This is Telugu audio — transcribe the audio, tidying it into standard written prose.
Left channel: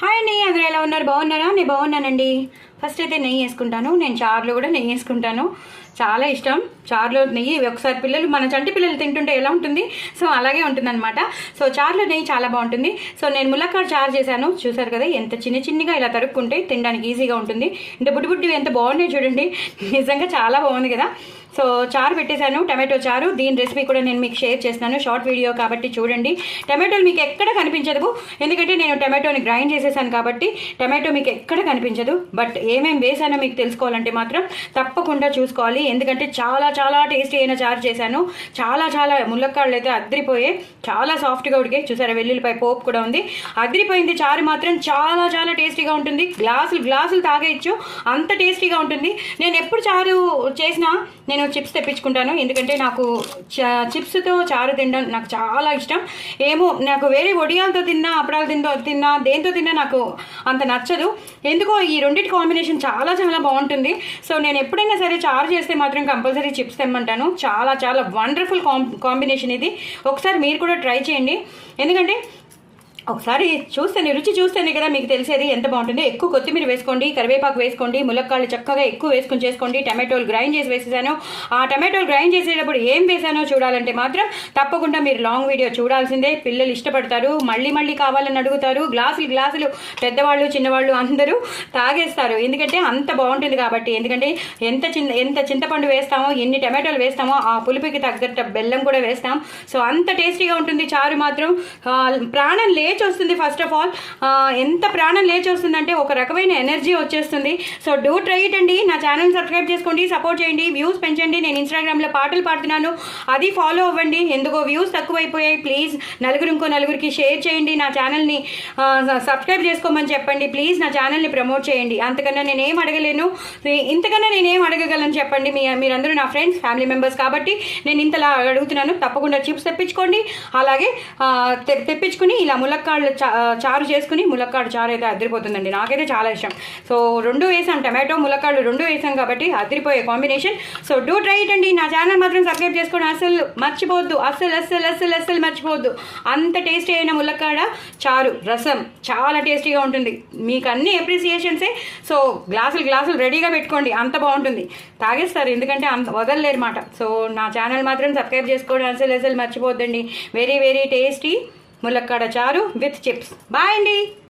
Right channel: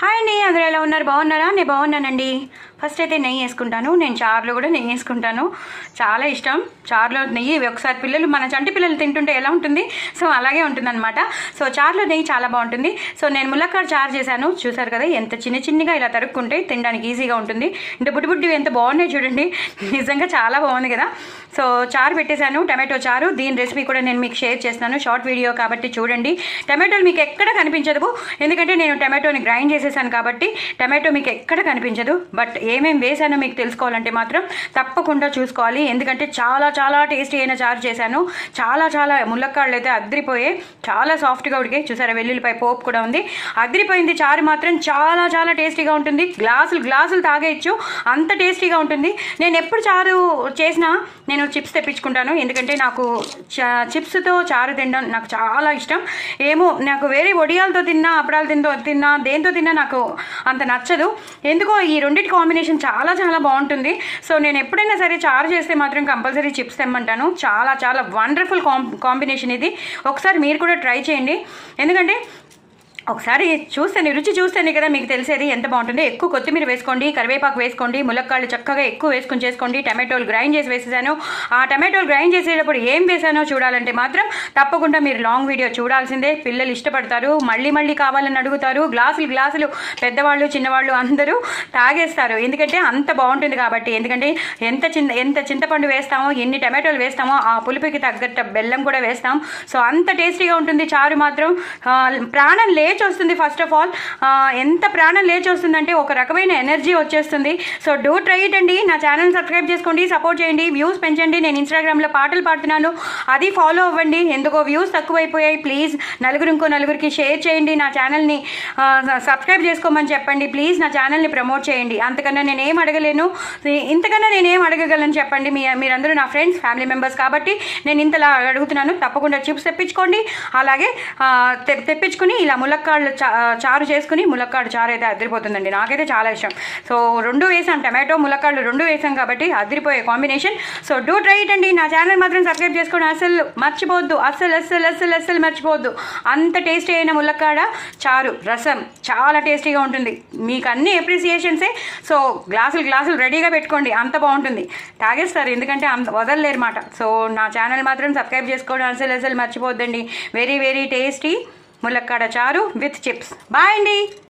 హాయ్ అండి, అందరూ ఎలా ఉన్నారు? బాగున్నారా? నేను బాగున్నానండి. ఫస్ట్ అయితే నెయ్యి వేసుకుంటాను. నేను చారులో కూడా నెయ్యి వేసుకుంటాను. చాలా ఇష్టం చారులో నెయ్యి. ఒకసారి పిల్లలు, మన చంటి పిల్లలు తింటుంటే ఎలా ఉంటుంది, సో అలాగే ఉంటుందన్నమాట. సో చారులో నెయ్యి చాలా బాగుంటుంది. సో నేను ములక్కాడ చారు చేశాను. చూసారు కదా, ఎంత చిన్నగా ఇలా తరుక్కుంటే తినడానికి ఈజీగా ఉంటుంది. ఇంత బుడ్డి ఎంత బాగున్నాయి చూడండి. నిజంగా చాలా బాగుంది కదా. సో చారు పెట్టేశాను, టమాటో చారు. దీని రెసిపీ కూడా నేను మీకు షేర్ చేస్తున్నాను, షార్ట్ వీడియో కాబట్టి చూడండి. టమాటోలు మీకు ఎక్కడ కనిపించదు, ఎందుకంటే నేను టమాటోని గ్రైండ్ చేసేసాను కాబట్టి టమాటో మీకు ఎక్కడ కనిపించదు. బట్ ఏమేమి వేసానో మీకు తెలుసుకోవాలంటే మాత్రం తప్పకుండా చూసుకోవాలి, ఎందుకంటే చాలా చాలా టేస్టీ అయిన చారు చేశాను. చాలా ములక్కాడలు అయితే అద్రిపోయే, చాలా సాఫ్ట్గా ఉడికాయి. చూసారా, వెల్లుల్లిపాయ పోపు కూడా ఉంది. అద్రిపోయింది. చారు మాత్రం చాలా టేస్టీగా ఉంటుంది. గ్లాసులు తాగేయచ్చు, అంత టేస్టీగా ఉంటుంది. నేను ఎప్పుడు చారు చేసినా నేను చిప్స్ తెప్పించుకుంటాను, ఎందుకంటే నాకు చిప్స్తో చారు తినడం నాకు చాలా ఇష్టం. ఏమో నాకు వేరే వడియాలతో తిన్నా, అప్పడాలు తిన్నా, దేంతో తిన్నా నాకు అంత నచ్చదు. ఎందుకో ఈ రెండింటి కాంబినేషన్ చాలా బాగుంటుంది. సో నేను ఎప్పుడైనా సరే చారు చేస్తే మాత్రం కంపల్సరీ చిప్స్ తెమ్మంటాను. చాలా వండర్ఫుల్ కాంబినేషన్ ఇది. ఒకసారి మీరు కూడా ట్రై చేయండి, ఎందుకంటే ఒకసారి రుచి చూస్తేనే కదా మీకు తెలిసేది ఎంత బాగుంటుంది. ఎక్కువ కొత్తిమీర వేసుకోండి, కరివేపాకు వేసుకోండి, ములక్కాళ్ళు చక్కగా ఎక్కువ వేసుకొని చేసుకోండి. టమాటోలు గ్రైండ్ చేసి వేసేసాను. ఆ టమాటోలు గ్రైండ్ చేసేటప్పుడు ఏం వేసానో చూడాలంటే మాత్రం తప్పకుండా మీరు లాంగ్ వీడియో చూడాల్సిందే. పిల్లలు ఇష్టపడతారు, మళ్ళీ కావాలని అడుగుతారు. గ్లాసులు పెద్దవాళ్ళు చిన్నవాళ్ళు అందరూ తాగేస్తారు, ఎందుకంటే అంత బాగుంటుంది కాబట్టి. ఎందుకంటే ఎంత చింతపండు వేస్తామో, ఎన్ని టమాటోలు వేస్తామో ఆ పులుపుకి తగ్గట్టు బెల్లం కూడా వేస్తాం. సో అంత టేస్టీగా ఉంటుంది చారు మాత్రం. ప్రాణం లేచి వస్తుంది. ఫస్ట్ ఆఫ్ ఆల్ ఎంత ప్రాణం లేచి వస్తుందంటే ఒక రకమైన ఎనర్జీ వచ్చేస్తుంది. సో డూ ట్రై ఇట్ అండి. నా ఛానల్ సబ్స్క్రైబ్ చేసుకోండి, సపోర్ట్ చేయండి, వ్యూస్ పెంచండి. నేను ఇన్స్టాగ్రామ్లో పాటలు పాడుతున్నాను, అది ఫాలో అవ్వండి. ఎందుకో వ్యూస్ తక్కువైపోయాయి. ప్లీజ్ నలుగురికి షేర్ చేయండి. నా ఛానల్ని సబ్స్క్రైబ్ చేసుకోమని చెప్పండి. ప్లీజ్ నా ఛానల్ని ప్రమోట్ చేయండి. అంతకన్నా నేనేం అడగలేను, ఇంతకన్నా నేనేం అడగగలను చెప్పండి. మీరందరూ నా ఫ్రెండ్స్, ఫ్యామిలీ మెంబర్స్ కాబట్టి నేను ఇంతలా అడుగుతున్నాను. తప్పకుండా చిప్స్ తెప్పించుకోండి, అలాగే తెప్పించుకుని ఇలా ములక్కాళ్ళు చారు చేసుకుని, ములక్కాడు చారు అయితే అదిరిపోతుందండి. నాకైతే చాలా ఇష్టం. సో రెండు వేసాం, టమాటో ములక్కాళ్ళు రెండు వేసాం కాబట్టి అదిరిపోయే combination. So do try it అండి. నా ఛానల్ మాత్రం సబ్స్క్రైబ్ చేసుకొని అస్సలు మర్చిపోవద్దు, అస్సలు మర్చిపోవద్దు. అంత టేస్టీ అయిన ములక్కాడ చారు రసం చాలా టేస్టీగా ఉంటుంది. మీకు అన్ని అప్రిసియేషన్సే. సో గ్లాసులు రెడీగా పెట్టుకోండి, అంత బాగుంటుంది. తాగేస్తారు, ఎందుకంటే అంత వదలలేరు మాట. సో నా ఛానల్ మాత్రం సబ్స్క్రైబ్ చేసుకోవడం అస్సలు మర్చిపోవద్దండి. వెరీ టేస్టీ ములక్కాడ చారు విత్ చిప్స్. బాయ్ అండి.